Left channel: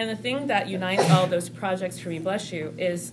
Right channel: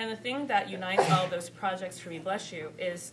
And the thing that unites all those projects for me, bless you, is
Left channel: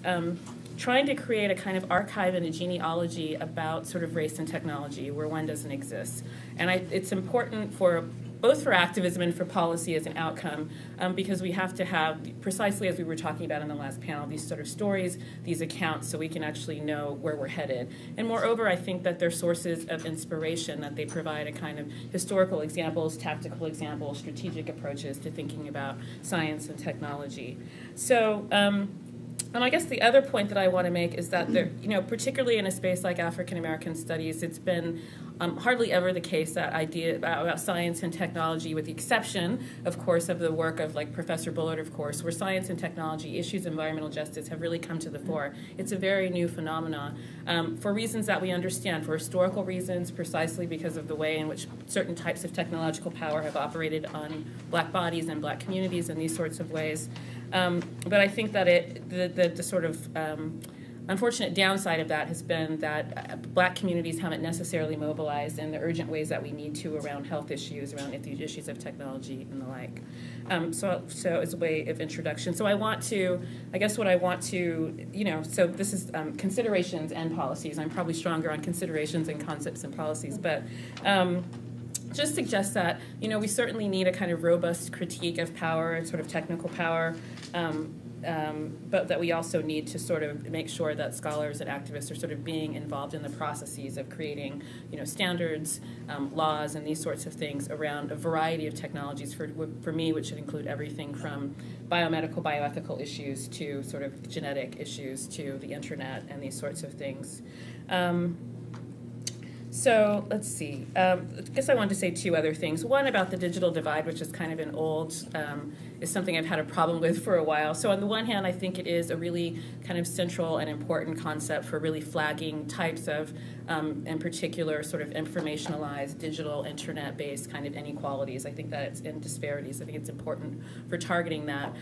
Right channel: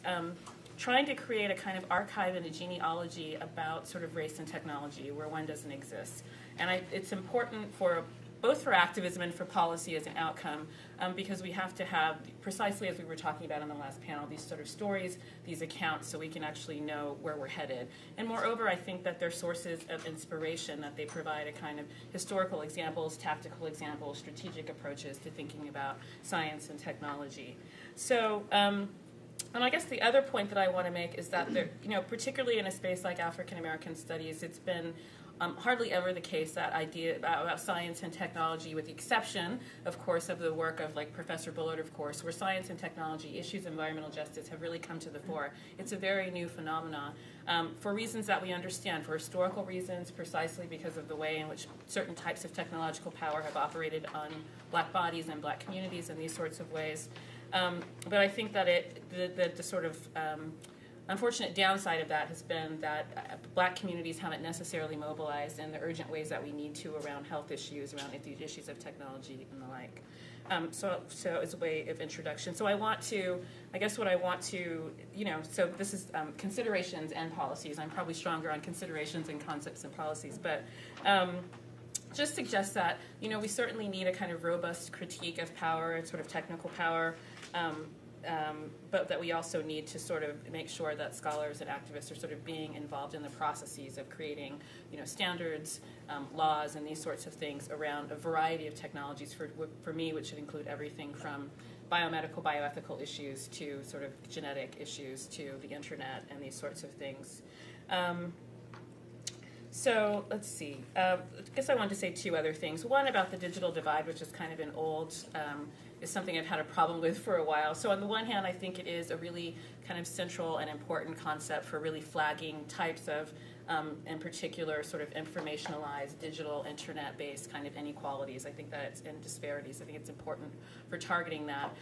trying to create a kind of archive and a genealogy about sort of race and technology where one doesn't exist. And it's important for both for activism and for policy as an outcome, because we have to have, precisely as we were talking about in the last panel, these sort of stories, these accounts, so we can actually know where we're headed. And moreover, I think that they're sources of inspiration, that they provide a kind of historical examples, tactical examples, strategic approaches to thinking about science and technology. So, and I guess the other point that I want to make is that there, particularly in a space like African American studies, it's been hardly ever the case that idea about science and technology, with the exception, of course, of the work of like Professor Bullard, of course, where science and technology, issues of environmental justice have really come to the fore. It's a very new phenomenon for reasons that we understand, for historical reasons, precisely because of the way in which certain types of technological power have operated on black bodies and black communities in these sorts of ways. But I think that the sort of unfortunate downside of that has been that black communities haven't necessarily mobilized in the urgent ways that we need to around health issues, around the issues of technology and the like. So as a way of introduction. So I want to, I guess what I want to, so this is considerations and policies. I'm probably stronger on considerations and concepts and policies, but just suggest that, we certainly need a kind of robust critique of power and sort of technical power, but that we also need to sort of make sure that scholars and activists are sort of being involved in the processes of creating, standards, laws, and these sorts of things around a variety of technologies for me, which should include everything from biomedical, bioethical issues to sort of genetic issues to the internet and these sorts of things. So let's see. I guess I wanted to say two other things. One about the digital divide, which is kind of an old, is something I've had a problem with for a while. So on the one hand, I think it is a really kind of central and important concept for really flagging types of, in particular, sort of informationalized, digital, internet-based kind of inequalities. I think that it's in disparities. I think it's important for targeting that.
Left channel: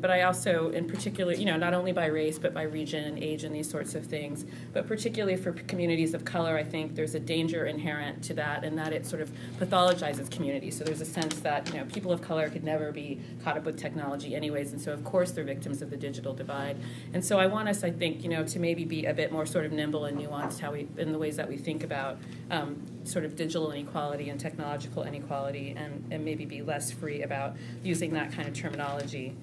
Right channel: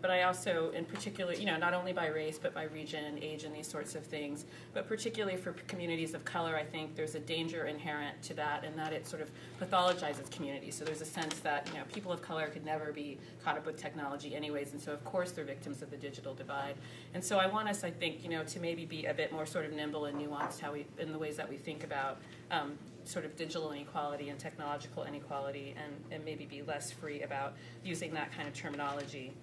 But I also, in particular, not only by race, but by region, age, and these sorts of things, but particularly for communities of color, I think there's a danger inherent to that, and that it sort of pathologizes communities. So there's a sense that, people of color could never be caught up with technology anyways, and so of course they're victims of the digital divide. And so I want us, I think, to maybe be a bit more sort of nimble and nuanced in the ways that we think about sort of digital inequality and technological inequality, and maybe be less free about using that kind of terminology.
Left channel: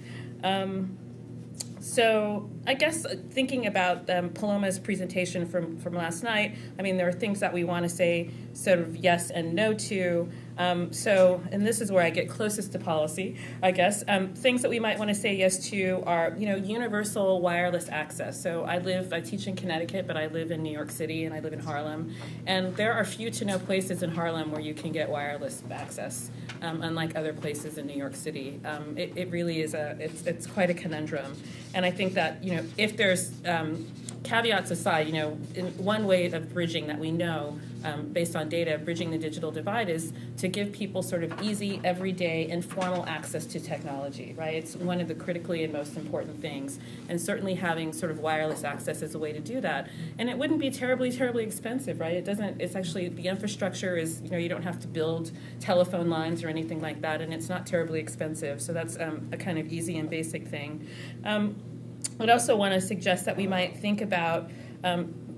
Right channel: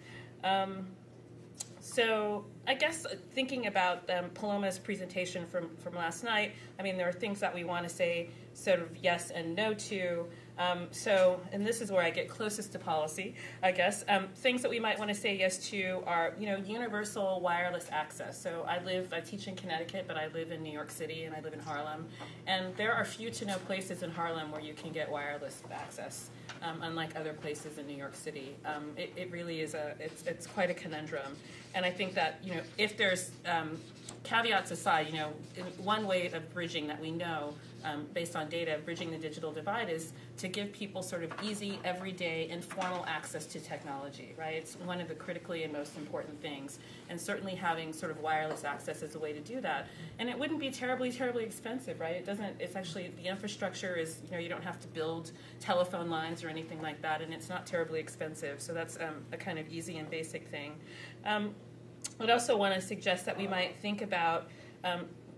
So I guess thinking about Paloma's presentation from last night, I mean, there are things that we want to say sort of yes and no to. And this is where I get closest to policy, I guess. Things that we might want to say yes to are, universal wireless access. So I teach in Connecticut, but I live in New York City and I live in Harlem. And there are few to no places in Harlem where you can get wireless access, unlike other places in New York City. It really is it's quite a conundrum. And I think that, if there's caveats aside, in one way of bridging that we know, based on data, bridging the digital divide is to give people sort of easy, everyday, informal access to technology, right? It's one of the critically and most important things. And certainly having sort of wireless access is a way to do that. And it wouldn't be terribly, terribly expensive, right? It's actually, the infrastructure is, you don't have to build telephone lines or anything like that, and it's not terribly expensive. So that's a kind of easy and basic thing. I'd also want to suggest that we might think about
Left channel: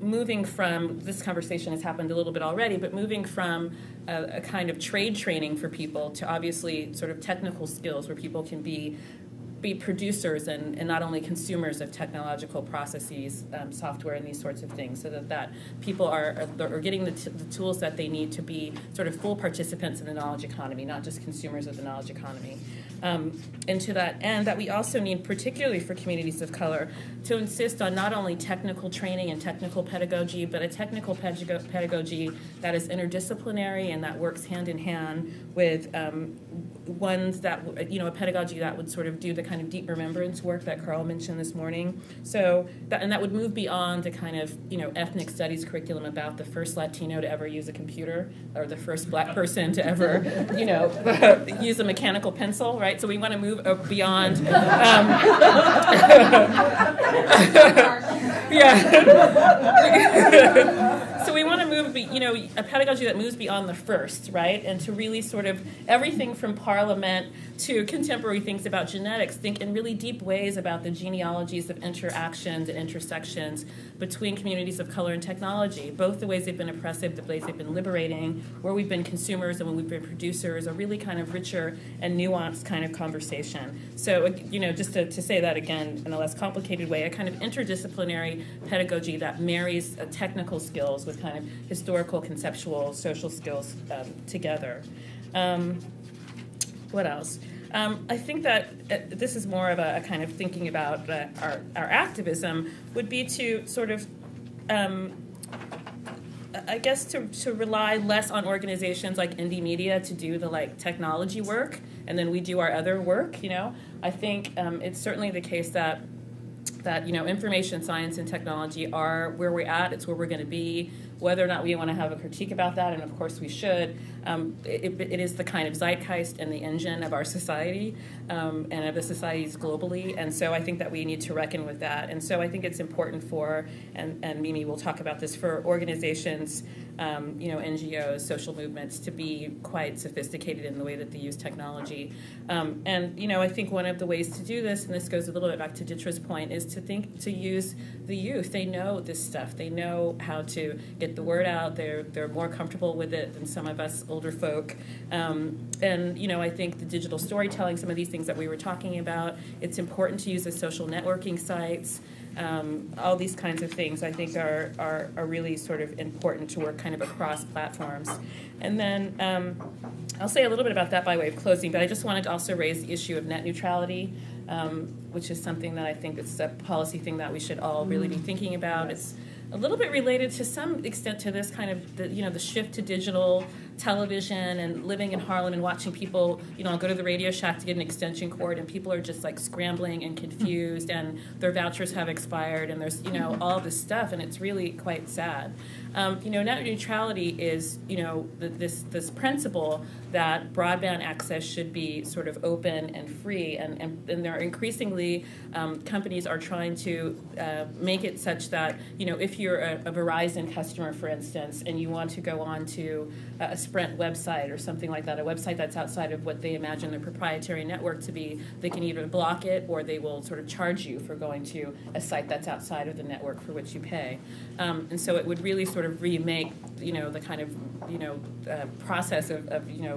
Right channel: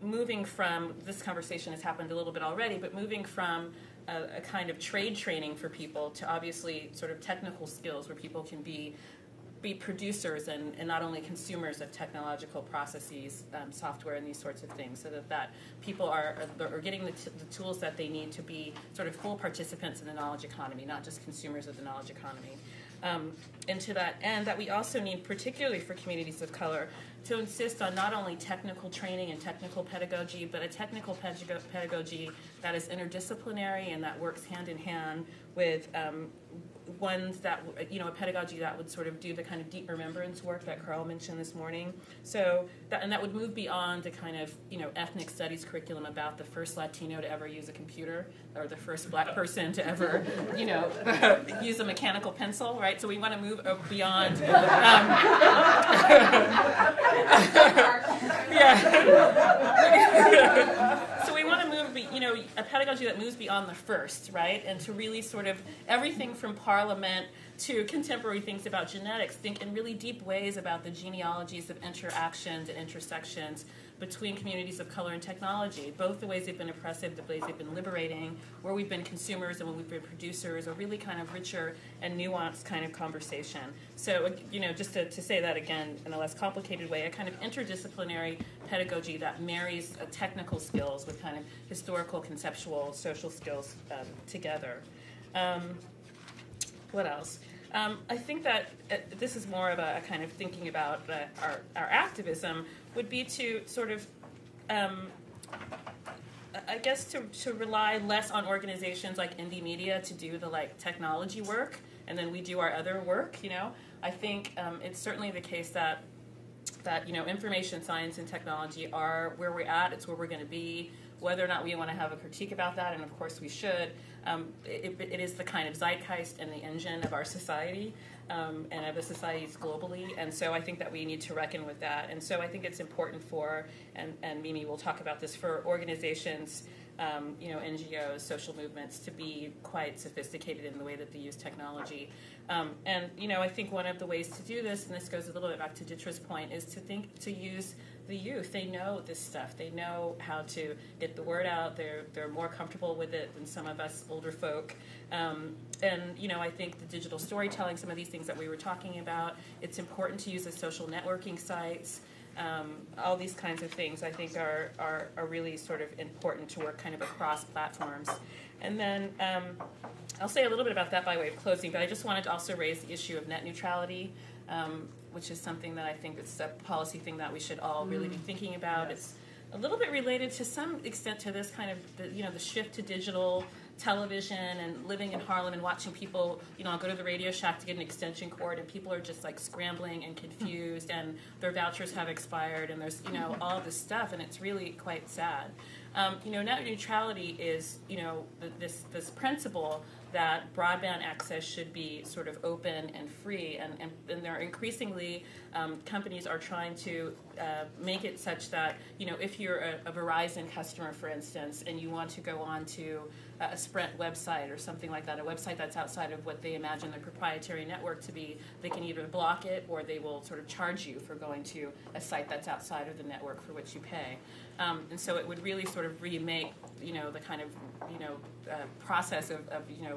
moving from, this conversation has happened a little bit already, but moving from a kind of trade training for people to obviously sort of technical skills where people can be producers and not only consumers of technological processes, software, and these sorts of things, so that people are getting the tools that they need to be sort of full participants in the knowledge economy, not just consumers of the knowledge economy. And to that end, that we also need, particularly for communities of color, to insist on not only technical training and technical pedagogy, but a technical pedagogy that is interdisciplinary and that works hand in hand with ones that, a pedagogy that would sort of do the kind of deep remembrance work that Carl mentioned this morning. So, that would move beyond the kind of, ethnic studies curriculum about the first Latino to ever use a computer or the first black person to ever, use a mechanical pencil, right? So we want to move beyond. So we want to move, a pedagogy that moves beyond the first, right? And to really sort of everything from Parliament to contemporary things about genetics, think in really deep ways about the genealogies of interactions and intersections between communities of color and technology, both the ways they've been oppressive, the ways they've been liberating, where we've been consumers and when we've been producers, a really kind of richer and nuanced kind of conversation. So, you know, just to say that again in a less complicated way, a kind of interdisciplinary pedagogy that marries technical skills with kind of historical, conceptual, social skills together. What else? I think that this is more of a kind of thinking about our activism would be to sort of, I guess, to rely less on organizations like Indie Media to do the like technology work, and then we do our other work. You know, I think it's certainly the case that you know, information science and technology are where we're at. It's where we're going to be. Whether or not we want to have a critique about that, and of course we should, it is the kind of zeitgeist and the engine of our society and of the societies globally. And so I think that we need to reckon with that. And so I think it's important for, and Mimi will talk about this, for organizations, you know, NGOs, social movements to be quite sophisticated in the way that they use technology. And, you know, I think one of the ways to do this, and this goes a little bit back to Ditra's point, is to use the youth. They know this stuff. They know how to get the word out. They're more comfortable with it than some of us older folk. And, you know, I think the digital storytelling, some of these things that we were talking about, it's important to use the social networking sites. All these kinds of things I think are really sort of important to work kind of across platforms. And then I'll say a little bit about that by way of closing, but I just wanted to also raise the issue of net neutrality, which is something that I think it's a policy thing that we should all really be thinking about. It's a little bit related to some extent to this kind of, the shift to digital television and living in Harlem and watching people, I'll go to the Radio Shack to get an extension cord and people are just like scrambling and confused and their vouchers have expired and there's, all this stuff and it's really quite sad. Net neutrality is, this principle that broadband access should be sort of open and free, and there are increasingly companies are trying to make it such that, if you're a Verizon customer, for instance, and you want to go on to a Sprint website or something like that, a website that's outside of what they imagine their proprietary network to be, they can either block it or they will sort of charge you for going to a site that's outside of the network for which you pay. And so it would really sort of remake, the kind of, process of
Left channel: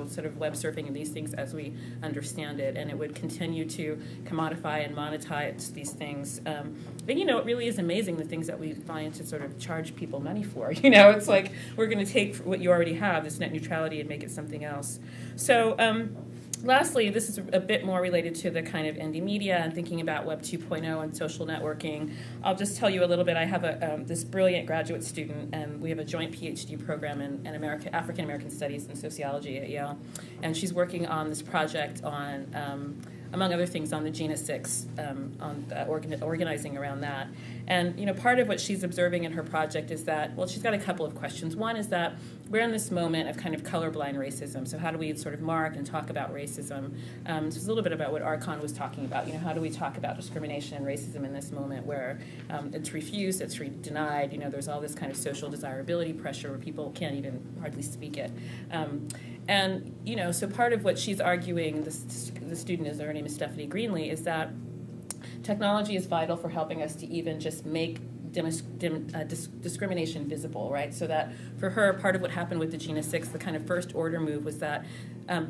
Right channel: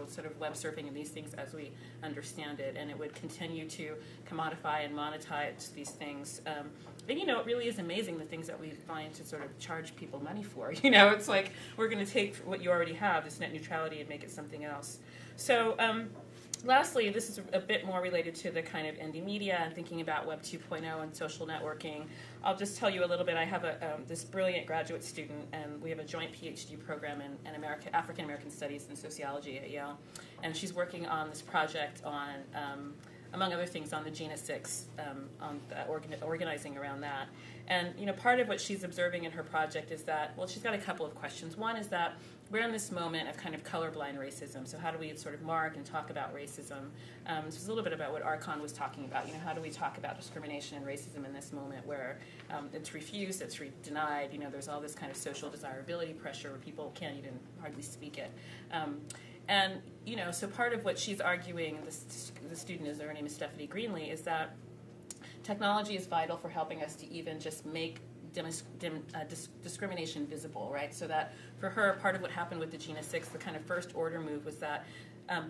sort of web surfing and these things as we understand it, and it would continue to commodify and monetize these things. But, it really is amazing the things that we find to sort of charge people money for. It's like we're going to take what you already have, this net neutrality, and make it something else. So lastly, this is a bit more related to the kind of indie media and thinking about Web 2.0 and social networking. I'll just tell you a little bit. I have this brilliant graduate student, and we have a joint PhD program in African American Studies and Sociology at Yale, and she's working on this project on, among other things, on the GINA 6, organizing around that. And part of what she's observing in her project is that, well, she's got a couple of questions. One is that we're in this moment of kind of colorblind racism. So how do we sort of mark and talk about racism? This is a little bit about what Archon was talking about. How do we talk about discrimination and racism in this moment where it's refused, it's denied? There's all this kind of social desirability pressure where people can't even hardly speak it. And so part of what she's arguing, the student her name is Stephanie Greenlee, is that technology is vital for helping us to even just make discrimination visible, right? So that for her, part of what happened with the GINA 6, the kind of first order move was that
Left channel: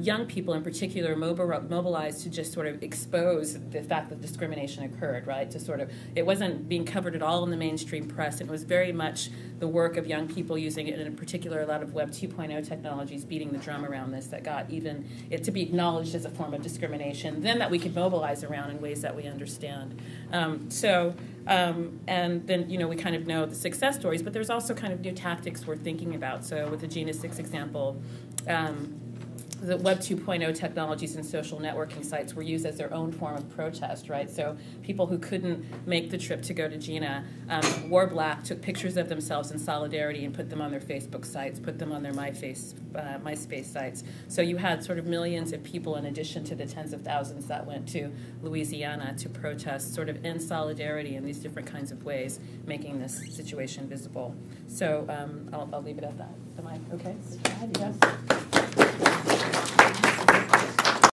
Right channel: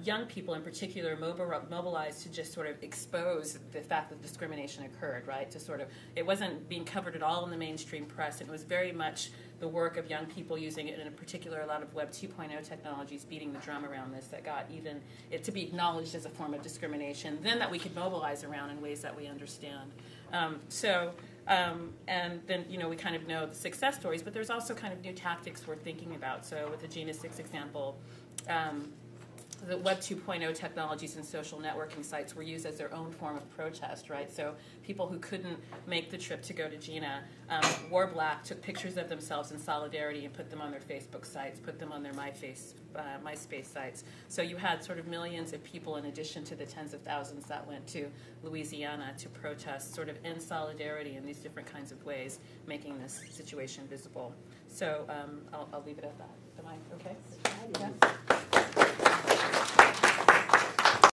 young people in particular mobilized to just sort of expose the fact that discrimination occurred, right? To sort of, it wasn't being covered at all in the mainstream press. It was very much the work of young people using it, and in particular a lot of Web 2.0 technologies beating the drum around this that got even it to be acknowledged as a form of discrimination, then that we could mobilize around in ways that we understand. And then, we kind of know the success stories, but there's also kind of new tactics we're thinking about. So with the GINA 6 example, the Web 2.0 technologies and social networking sites were used as their own form of protest, right? So people who couldn't make the trip to go to GINA wore black, took pictures of themselves in solidarity and put them on their Facebook sites, put them on their MySpace sites. So you had sort of millions of people in addition to the tens of thousands that went to Louisiana to protest sort of in solidarity in these different kinds of ways, making this situation visible. So I'll leave it at that. Am I okay? Yes.